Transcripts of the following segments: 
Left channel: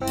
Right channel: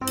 Hello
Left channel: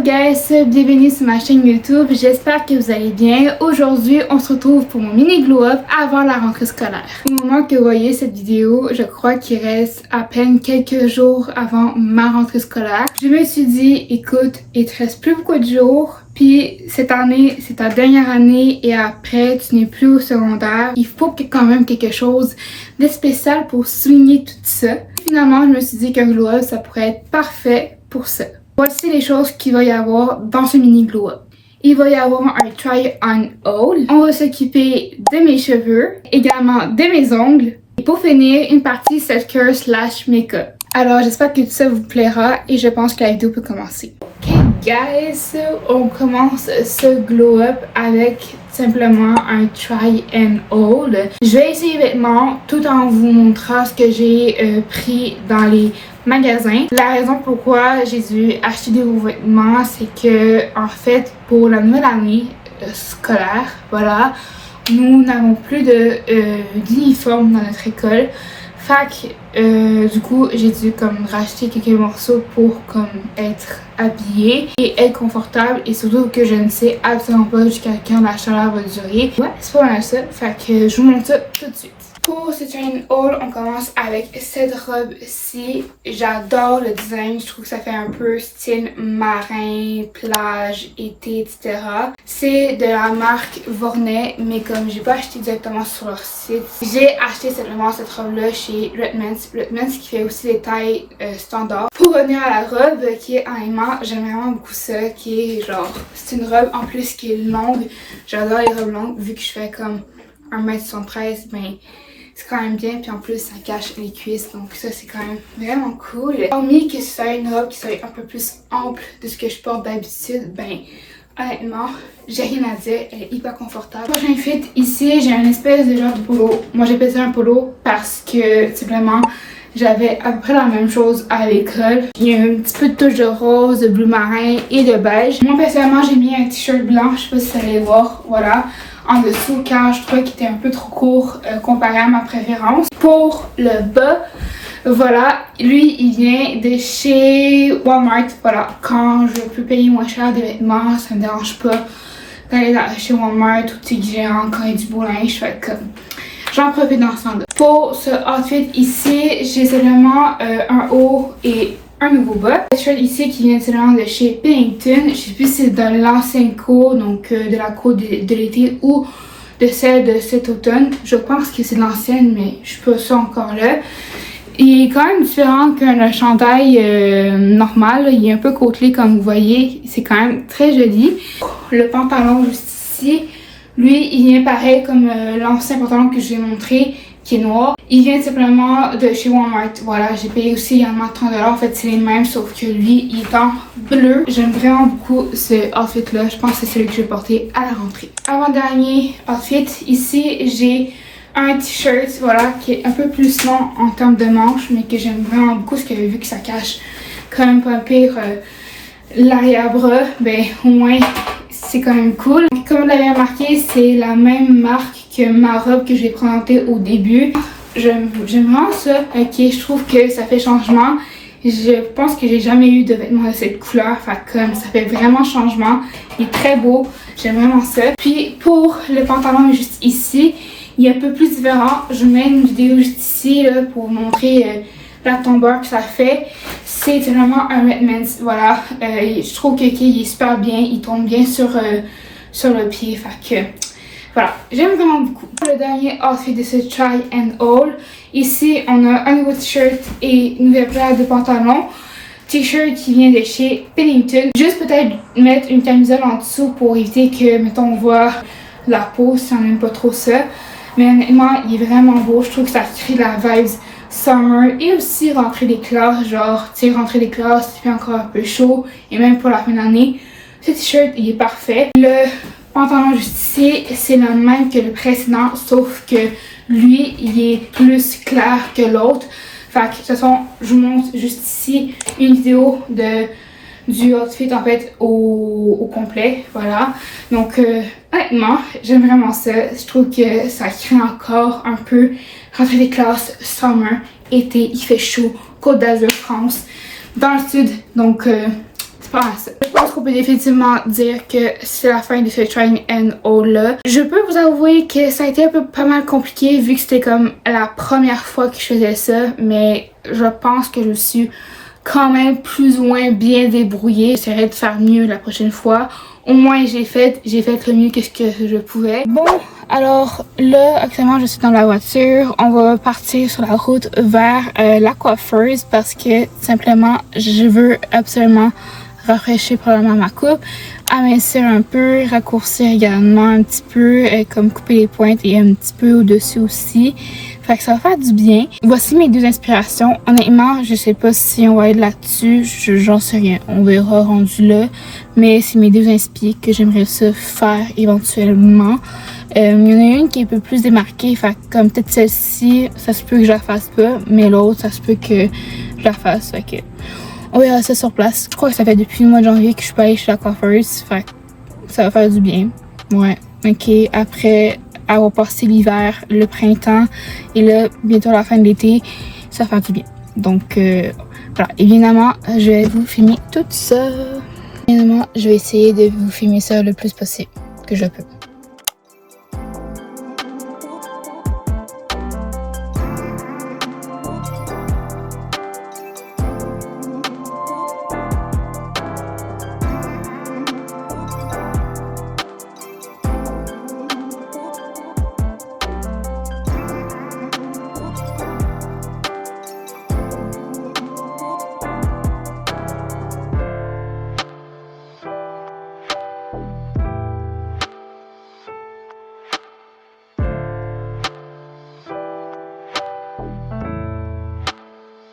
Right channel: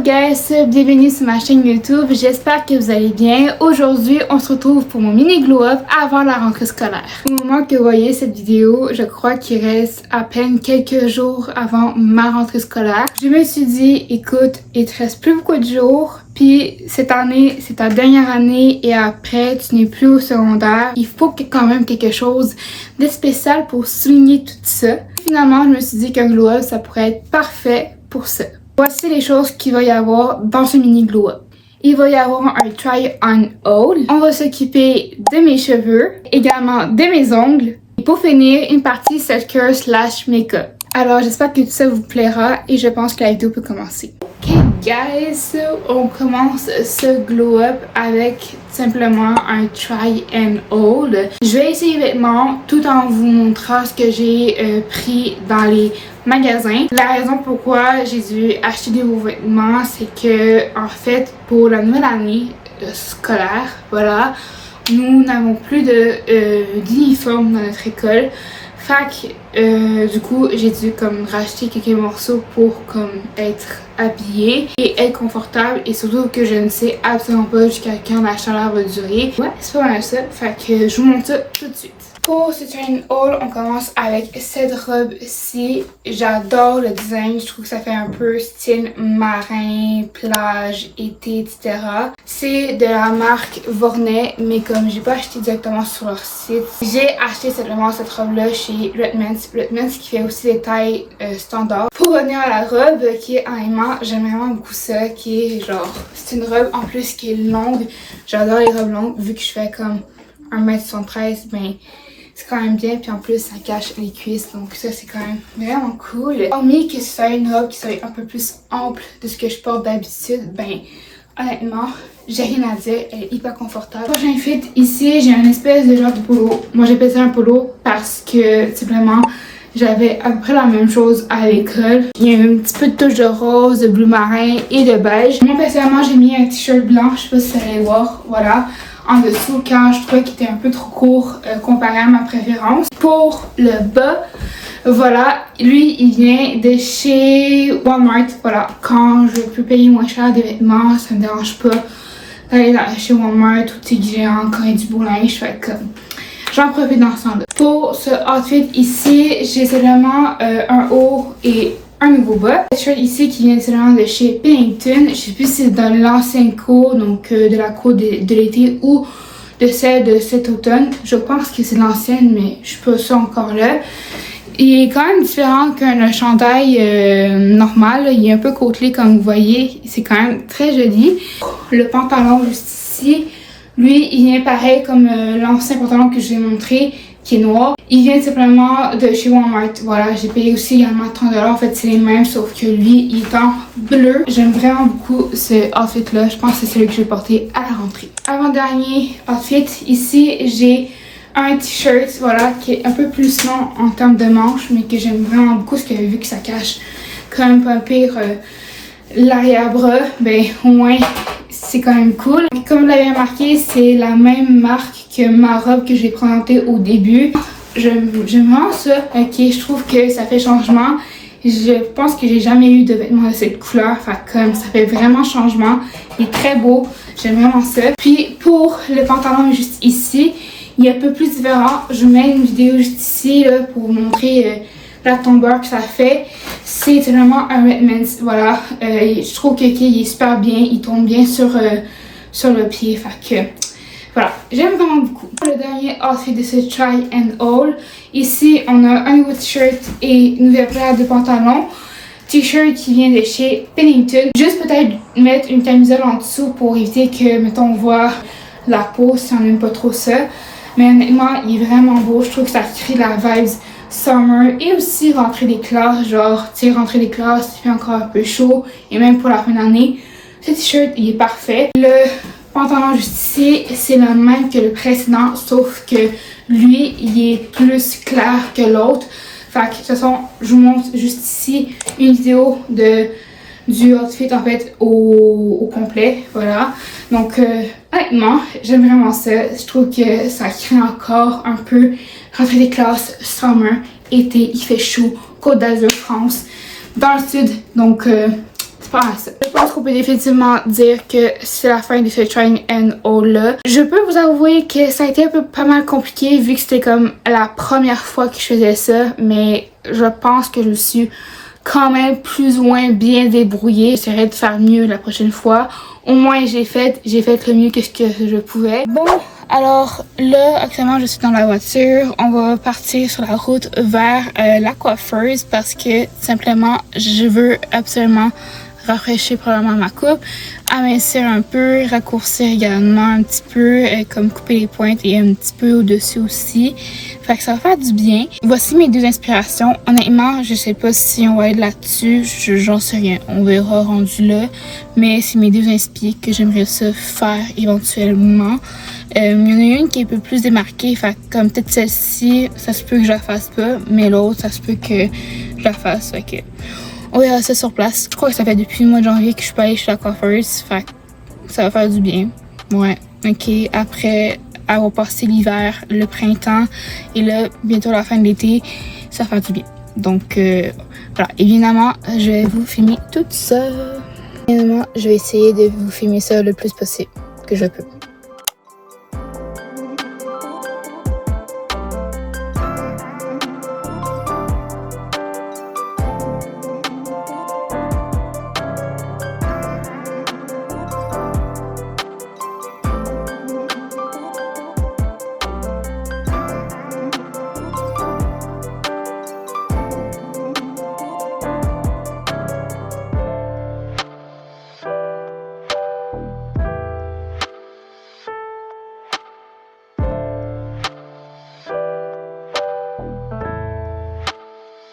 guys, bienvenue sur ma chaîne YouTube, j'espère que vous allez bien. Aujourd'hui, on se retrouve pour mon mini glow up avant la rentrée scolaire. Au moment que vous voyez cette vidéo, je crois qu'il reste à peine quelques jours avant ma rentrée scolaire. Je me suis dit, écoute, il te reste plus beaucoup de jours, puis cette année, c'est ta dernière année et après, tu n'es plus au secondaire. Il faut quand même quelque chose de spécial pour souligner tout ça. Finalement, je me suis dit qu'un glow up, ça pourrait être parfait pour ça. Voici les choses qu'il va y avoir dans ce mini glow up. Il va y avoir un try on haul. On va s'occuper de mes cheveux, également de mes ongles. Et pour finir, une partie self-care / make-up. Alors j'espère que tout ça vous plaira et je pense que la vidéo peut commencer. Ok guys, on commence ce glow up avec simplement un try and hold. Je vais essayer les vêtements tout en vous montrant ce que j'ai pris dans les magasins. La raison pourquoi j'ai dû acheter des nouveaux vêtements, c'est que en fait pour la nouvelle année scolaire, voilà, nous n'avons plus d'uniforme dans notre école. Fait que du coup j'ai dû comme racheter quelques morceaux pour comme être habillée et être confortable, et surtout que je ne sais absolument pas jusqu'à quand la chaleur va durer. Ouais, c'est pas mal ça. Fait que je vous montre ça tout de suite. Pour ce train haul, on commence avec cette robe-ci. J'adore le design, je trouve que ça fait un peu style marin, plage, été, etc. C'est de la marque Vorney, mais comme j'ai pas acheté directement sur leur site, j'ai acheté simplement cette robe-là chez Redmans qui fait aussi des tailles standards. Pour revenir à la robe qui est en aimant, j'aime vraiment beaucoup ça, qui est genre, c'est une robe en plus qui est longue. J'adore les robes longues, vu que je fais comme 1m73, ben c'est quand même bien, puis en plus ça cache les cuisses, donc ça c'est quand même vraiment cool. Hormis que ce soit une robe qui soit un peu plus ample de ce que je porte d'habitude, ben honnêtement j'ai rien à dire, elle est hyper confortable. Prochain fit, ici j'ai un espèce de genre de polo. Moi j'appelle ça un polo parce que simplement j'avais à peu près la même chose à l'école. Il y a un petit peu de touche de rose, de bleu marin et de beige. Moi personnellement j'ai mis un t-shirt blanc, je sais pas si vous allez voir, voilà, en dessous quand je trouvais qu'il était un peu trop court comparé à ma préférence. Pour le bas, voilà, lui il vient de chez Walmart. Voilà, quand je peux payer moins cher des vêtements, ça me dérange pas d'aller chez Walmart ou Tic Géant quand il y a du beau linge. Fait comme j'en profite dans ce temps-là. Pour ce outfit ici, j'ai seulement un haut et un nouveau bas. Le shirt ici qui vient seulement de chez Pennington. Je sais plus si c'est dans l'ancienne cour, donc de la cour de l'été ou de celle de cet automne. Je pense que c'est l'ancienne, mais je suis pas sûre encore là. Il est quand même différent qu'un chandail normal. Il est un peu côtelé comme vous voyez. C'est quand même très joli. Le pantalon juste ici, lui il vient pareil comme l'ancien pantalon que je vous ai montré, qui est noir. Il vient simplement de chez Walmart. Voilà, j'ai payé aussi également 30$. En fait, c'est les mêmes, sauf que lui, il est en bleu. J'aime vraiment beaucoup ce outfit-là. Je pense que c'est celui que je vais porter à la rentrée. Avant-dernier outfit, ici, j'ai un t-shirt, voilà, qui est un peu plus long en termes de manches, mais que j'aime vraiment beaucoup, parce que vu que ça cache quand même pas pire l'arrière-bras, ben au moins, c'est quand même cool. Comme vous l'avez remarqué, c'est la même marque que ma robe que j'ai présentée au début. J'aime vraiment ça. Ok, je trouve que ça fait changement. Je pense que j'ai jamais eu de vêtements de cette couleur. Fait comme ça fait vraiment changement. Il est très beau. J'aime vraiment ça. Puis pour le pantalon juste ici, il est un peu plus différent. Je mets une vidéo juste ici là, pour vous montrer la tombeur que ça fait. C'est vraiment un Redmans. Voilà. Je trouve qu'il est super bien. Il tombe bien sur le pied. Fait que voilà, j'aime vraiment beaucoup. Le dernier outfit de ce try and haul. Ici, on a un nouveau t-shirt et une nouvelle paire de pantalons. T-shirt qui vient de chez Pennington. Juste peut-être mettre une camisole en dessous pour éviter que, mettons, on voit la peau si on n'aime pas trop ça. Mais honnêtement, il est vraiment beau. Je trouve que ça crée la vibes summer et aussi rentrée des classes. Genre, tu sais, rentrée des classes, il fait encore un peu chaud. Et même pour la fin d'année, ce t-shirt, il est parfait. Le pantalon juste ici, c'est le même que le précédent, sauf que lui, il est plus clair que l'autre. Fait que de toute façon, je vous montre juste ici une vidéo du outfit en fait au complet, voilà. Donc honnêtement, j'aime vraiment ça. Je trouve que ça crée encore un peu rentrée des classes, summer, été, il fait chaud, Côte d'Azur, France, dans le sud, donc c'est pas mal ça. Je pense qu'on peut définitivement dire que c'est la fin de ce Try and Haul là. Je peux vous avouer que ça a été un peu pas mal compliqué vu que c'était comme la première fois que je faisais ça, mais je pense que je suis quand même plus ou moins bien débrouillée. J'essaierai de faire mieux la prochaine fois. Au moins j'ai fait le mieux que ce que je pouvais. Bon, alors là actuellement je suis dans la voiture. On va partir sur la route vers la coiffeuse parce que simplement je veux absolument rafraîchir probablement ma coupe, amincir un peu, raccourcir également un petit peu, comme couper les pointes et un petit peu au-dessus aussi. Fait que ça va faire du bien. Voici mes deux inspirations. Honnêtement, je sais pas si on va être là-dessus, j'en sais rien. On verra rendu là. Mais c'est mes deux inspi que j'aimerais ça faire éventuellement. Il y en a une qui est un peu plus démarquée, fait que comme peut-être celle-ci, ça se peut que je la fasse pas, mais l'autre, ça se peut que je la fasse. Fait que on verra ça sur place. Je crois que ça fait depuis le mois de janvier que je suis pas allée chez la coiffeuse. Fait que ça va faire du bien. Ouais. Ok. Après avoir passé l'hiver, le printemps et là, bientôt la fin de l'été, ça va faire du bien. Donc, voilà. Évidemment, je vais vous filmer tout ça. Évidemment, je vais essayer de vous filmer ça le plus possible que je peux.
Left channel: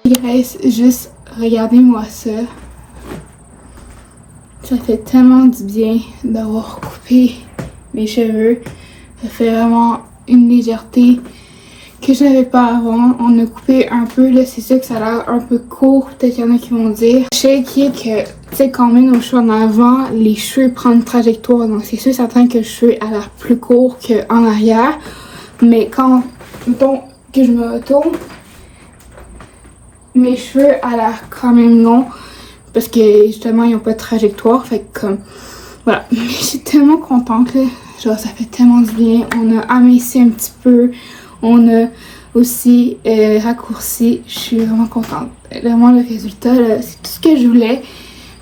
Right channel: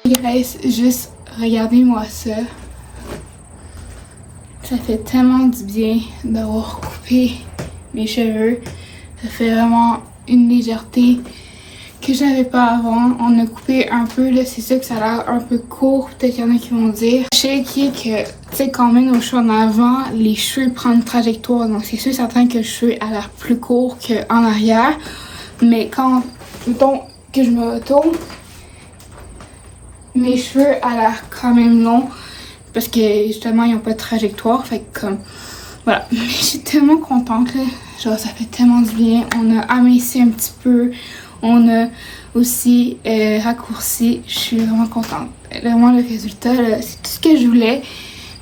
Guys, juste regardez-moi ça. Ça fait tellement du bien d'avoir coupé mes cheveux. Ça fait vraiment une légèreté que j'avais pas avant. On a coupé un peu, là, c'est ça que ça a l'air un peu court. Peut-être qu'il y en a qui vont dire. Je sais que, tu sais, quand on met nos cheveux en avant, les cheveux prennent une trajectoire. Donc c'est sûr certain que le cheveu a l'air plus court qu'en arrière. Mais quand, mettons, que je me retourne, mes cheveux a l'air quand même longs parce que justement ils ont pas de trajectoire, fait que comme voilà. Mais je suis tellement contente là, genre ça fait tellement du bien. On a aminci un petit peu, on a aussi raccourci. Je suis vraiment contente. Vraiment le résultat là, c'est tout ce que je voulais.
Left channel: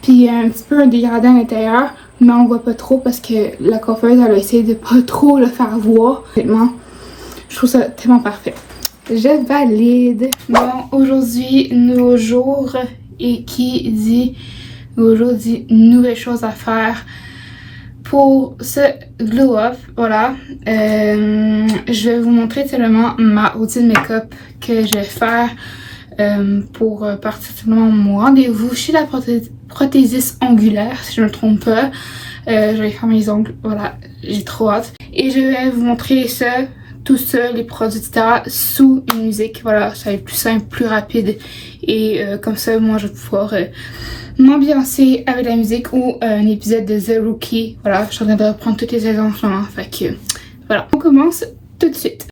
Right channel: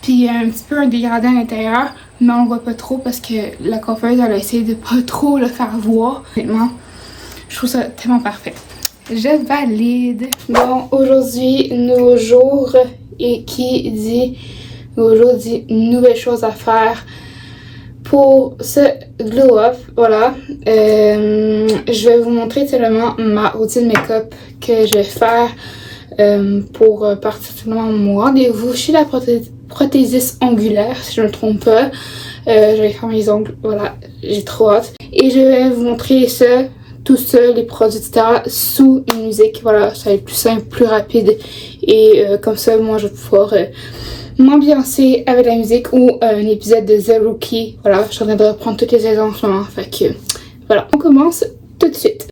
Puis il y a un petit peu un dégradé à l'intérieur, mais on le voit pas trop parce que la coiffeuse elle a essayé de pas trop le faire voir. Honnêtement, je trouve ça tellement parfait. Je valide. Bon, aujourd'hui, nouveau jour. Et qui dit nouveau jour dit nouvelle chose à faire pour ce glow up. Voilà. Je vais vous montrer seulement ma routine make-up que je vais faire pour partir seulement mon rendez-vous chez la prothésiste ongulaire, si je ne me trompe pas. Je vais faire mes ongles. Voilà. J'ai trop hâte. Et je vais vous montrer ça. Tout ça, les produits, etc. sous une musique. Voilà, ça va être plus simple, plus rapide. Et comme ça, moi, je vais pouvoir m'ambiancer avec la musique ou un épisode de The Rookie. Voilà, je suis en train de reprendre toutes les saisons en ce moment. Fait que, voilà. On commence tout de suite.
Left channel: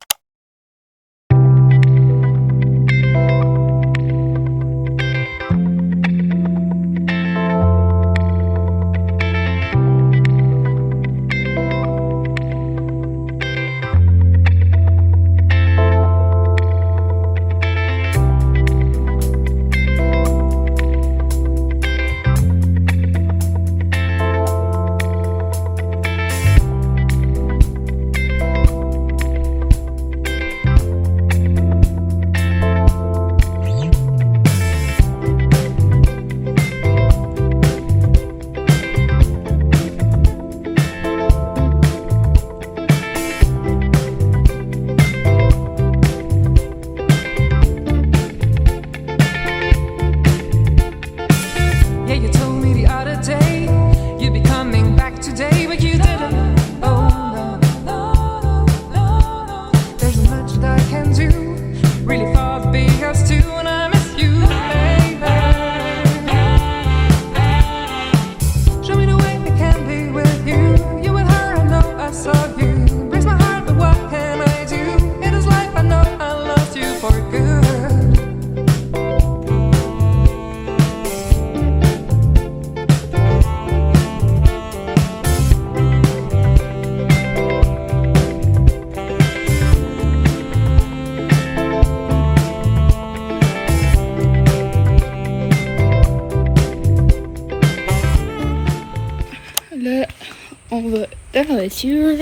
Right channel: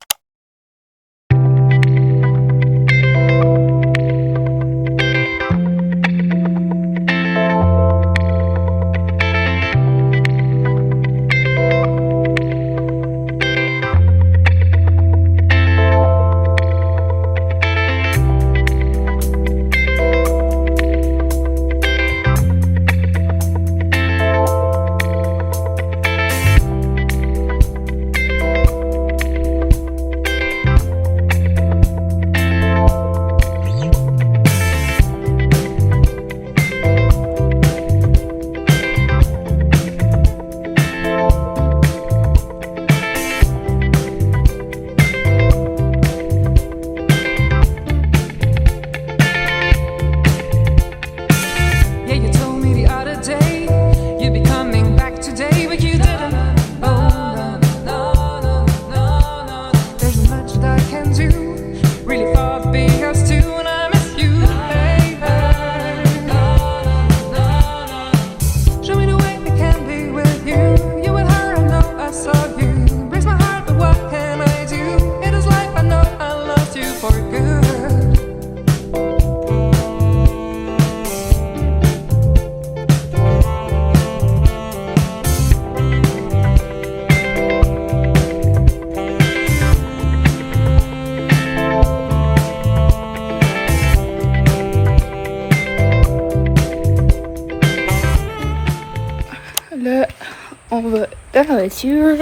on va dans la voiture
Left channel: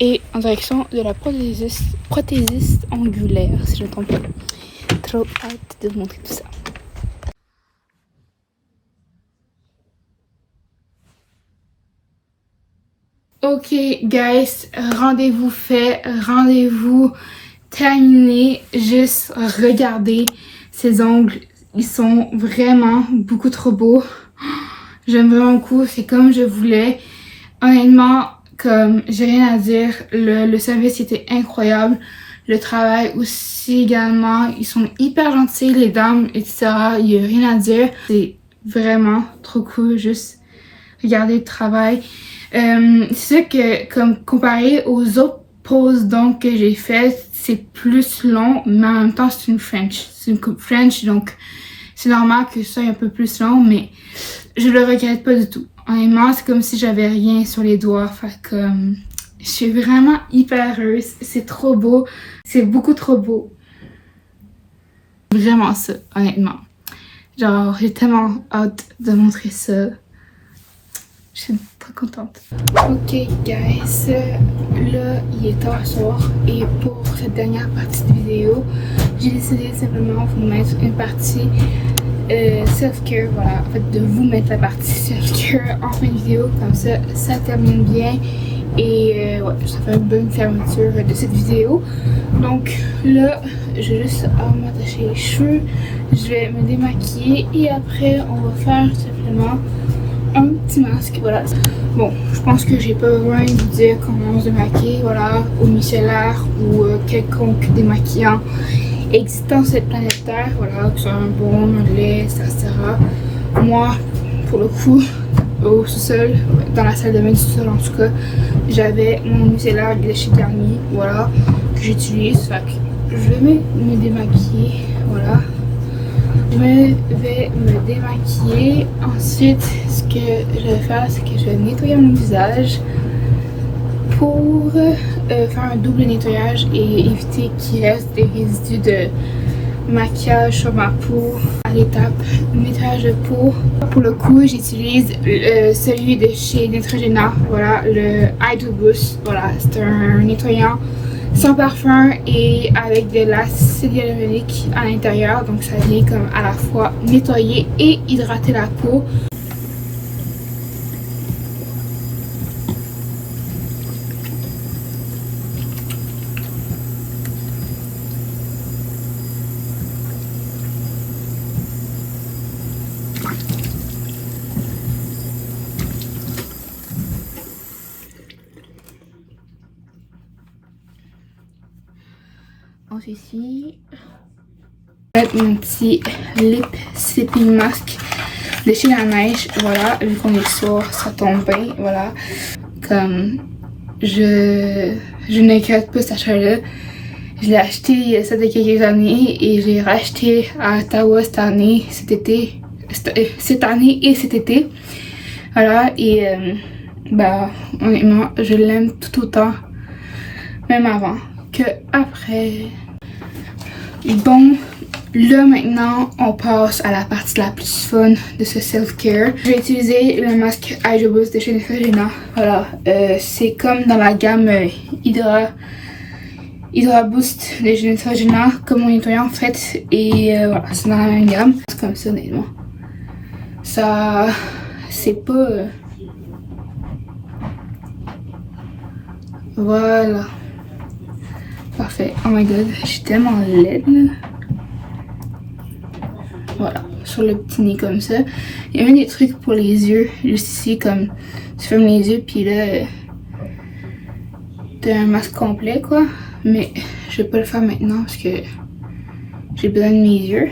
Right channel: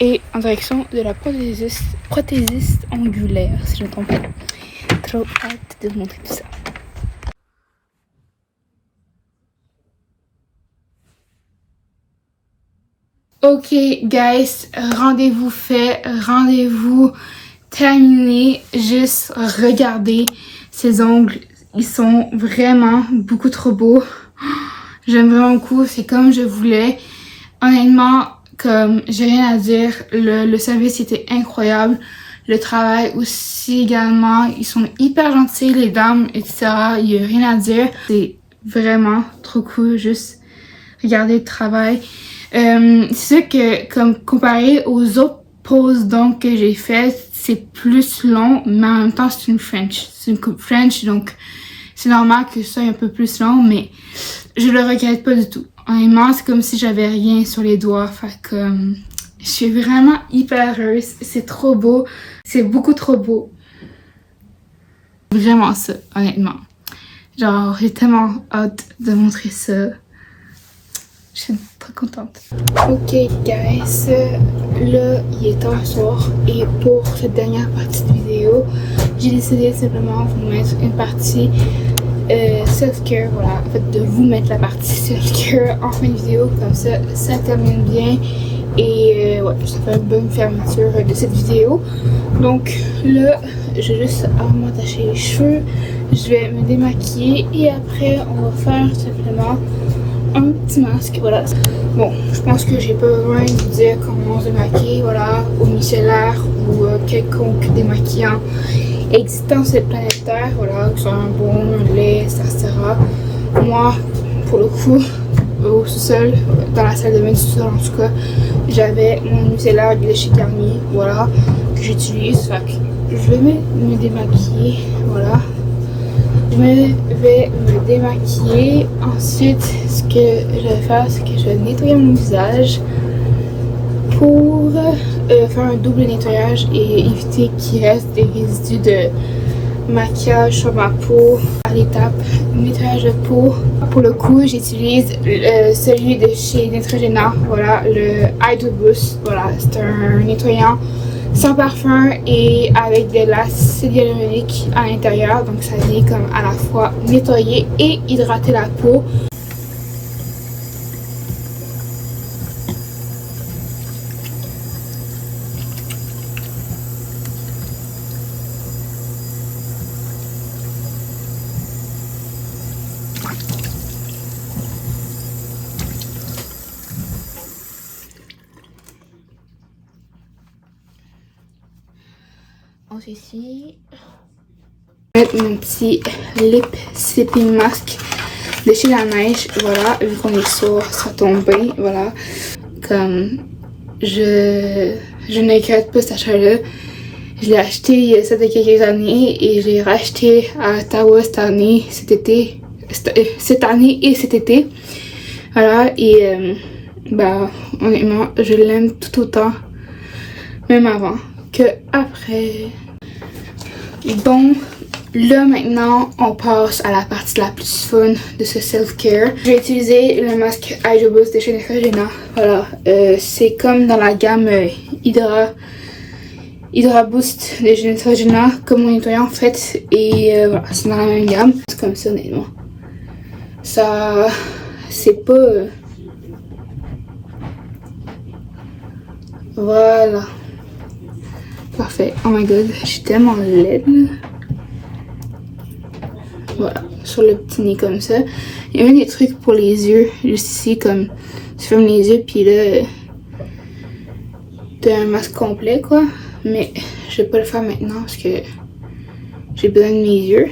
et en direction de la prothésiste angulaire, si je ne me trompe pas. Trop hâte de vous montrer tout ça. Ok, guys, rendez-vous fait, rendez-vous terminé. Juste regardez ces ongles, ils sont vraiment beaucoup trop beaux. J'aime vraiment beaucoup, c'est comme je voulais. Honnêtement, comme j'ai rien à dire, le service était incroyable. Le travail aussi également, ils sont hyper gentils, les dames, etc. Il n'y a rien à dire. C'est vraiment trop cool, juste regarder le travail. C'est sûr que comme comparé aux autres poses donc que j'ai faites, c'est plus long, mais en même temps c'est une French. C'est une coupe French, donc c'est normal que ça soit un peu plus long, mais je le regrette pas du tout. Honnêtement, c'est comme si j'avais rien sur les doigts. Fait que je suis vraiment hyper heureuse. C'est trop beau. C'est beaucoup trop beau. Vraiment ça, honnêtement. Genre, j'ai tellement hâte de montrer ça. Je suis très contente. Ok, guys. Là, il est tard soir. Et pour cette dernière partie de vidéo, j'ai décidé simplement de vous mettre une partie self-care, voilà, en fait de vous mettre la partie self-care en fin de vidéo, comme ça termine bien et ouais, ça fait une bonne fermeture de cette vidéo. Donc là, je vais juste m'attacher les cheveux, je vais me démaquiller et après on va faire simplement un petit masque, voilà. Bon, je pense que j'ai pas besoin de vous dire comment on se démaquille, voilà, au micellaire ou quelconque démaquillant existant sur cette planète Terre, voilà, que ce soit un bon, un lait, etc. Moi, pour le coup, au sous-sol, dans la salle de bain du sous-sol en tout cas, j'avais mon micellaire de chez Garnier, voilà, que j'utilise. Fait que je vais me démaquiller, voilà. Je vais me démaquiller. Ensuite, ce que je vais faire, c'est que je vais nettoyer mon visage pour faire un double nettoyage et éviter qu'il reste des résidus de maquillage sur ma peau. À l'étape nettoyage de peau, pour le coup j'utilise celui de chez Neutrogena, voilà, le Hydro Boost, voilà, c'est un nettoyant sans parfum et avec de l'acide hyaluronique à l'intérieur, donc ça vient comme à la fois nettoyer et hydrater la peau. Ici, mon petit lip sipping mask de chez La Neige, voilà, vu qu'on est sourd, ça tombe bien, voilà, comme je ne regrette pas cet achat-là. Je l'ai acheté il y a ça de quelques années et je l'ai racheté à Ottawa cette année et cet été, voilà, et bah honnêtement je l'aime tout autant, même avant que après. Bon, là maintenant on passe à la partie la plus fun de ce self-care. Je vais utiliser le masque Hydro Boost de chez Neutrogena. Voilà, c'est comme dans la gamme Hydra Boost de chez Neutrogena, comme mon nettoyant en fait. Et voilà, c'est dans la même gamme. C'est comme ça honnêtement. Ça, c'est pas... Voilà. Parfait. Oh my god, je suis tellement laide là. Voilà, sur le petit nez comme ça. Il y a même des trucs pour les yeux, juste ici, comme tu fermes les yeux, puis là, t'as un masque complet quoi. Mais je vais pas le faire maintenant parce que j'ai besoin de mes yeux.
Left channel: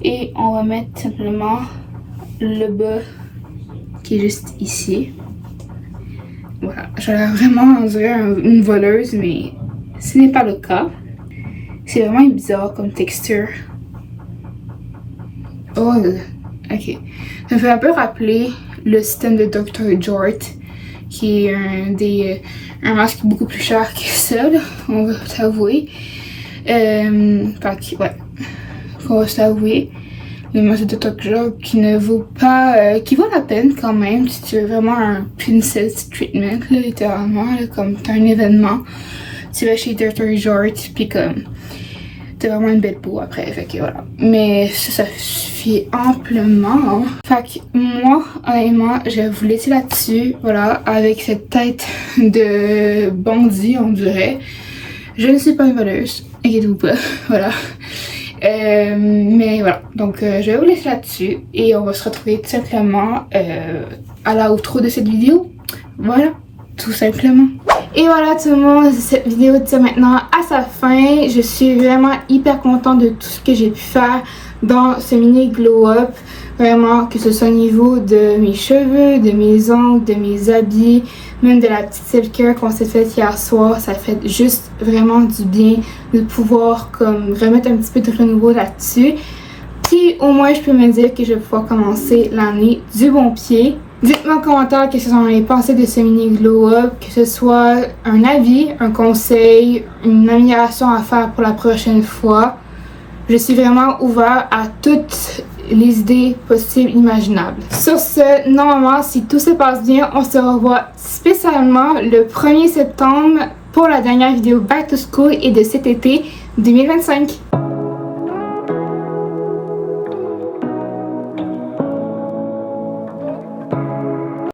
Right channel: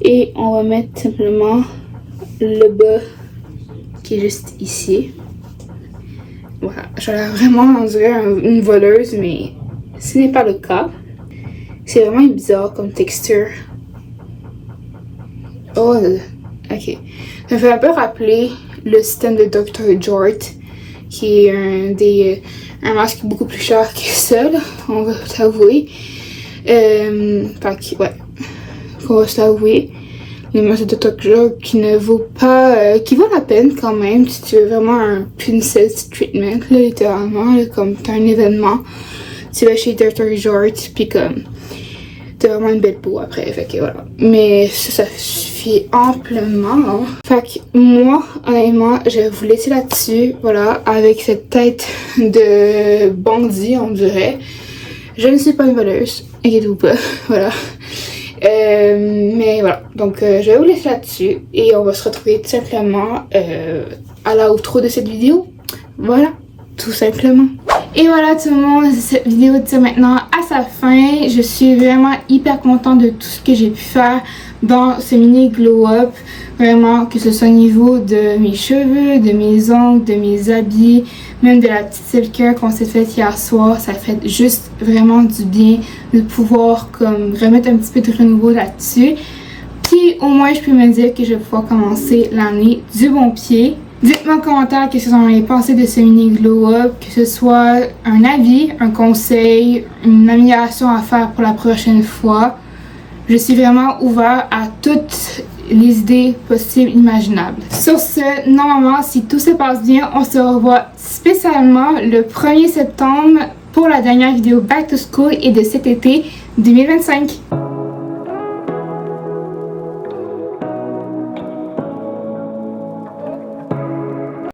Et on va mettre simplement le bas qui est juste ici. Voilà, j'ai l'air vraiment on dirait une voleuse, mais ce n'est pas le cas. C'est vraiment bizarre comme texture. Oh, ok. Ça me fait un peu rappeler le système de Dr. Jort, qui est un masque beaucoup plus cher que ça, là, on va s'avouer. Ouais, on va s'avouer. une masse de Tokyo qui ne vaut pas, qui vaut la peine quand même si tu veux vraiment un princess treatment, là, littéralement, là, comme t'as un événement, tu vas chez Dirt Resort, puis comme t'as vraiment une belle peau après, fait que voilà. Mais ça suffit amplement. Fait que moi, honnêtement, je vais vous laisser là-dessus, voilà, avec cette tête de bandit, on dirait. Je ne suis pas une voleuse, inquiétez-vous pas, voilà. Mais voilà, donc je vais vous laisser là-dessus et on va se retrouver tout simplement à la outro de cette vidéo. Voilà, tout simplement. Et voilà tout le monde, cette vidéo tire maintenant à sa fin. Je suis vraiment hyper contente de tout ce que j'ai pu faire dans ce mini glow up. Vraiment, que ce soit au niveau de mes cheveux, de mes ongles, de mes habits, même de la petite self-care qu'on s'est faite hier soir. Ça fait juste vraiment du bien de pouvoir comme remettre un petit peu de renouveau là-dessus. Puis au moins je peux me dire que je vais pouvoir commencer l'année du bon pied. Dites-moi en commentaire qu'est-ce que vous en avez pensé de ce mini glow up, que ce soit un avis, un conseil, une amélioration à faire pour la prochaine fois. Je suis vraiment ouvert à toutes les idées possibles, imaginables. Sur ce, normalement, si tout se passe bien, on se revoit spécialement le 1er septembre pour la dernière vidéo Back to School et de cet été 2025.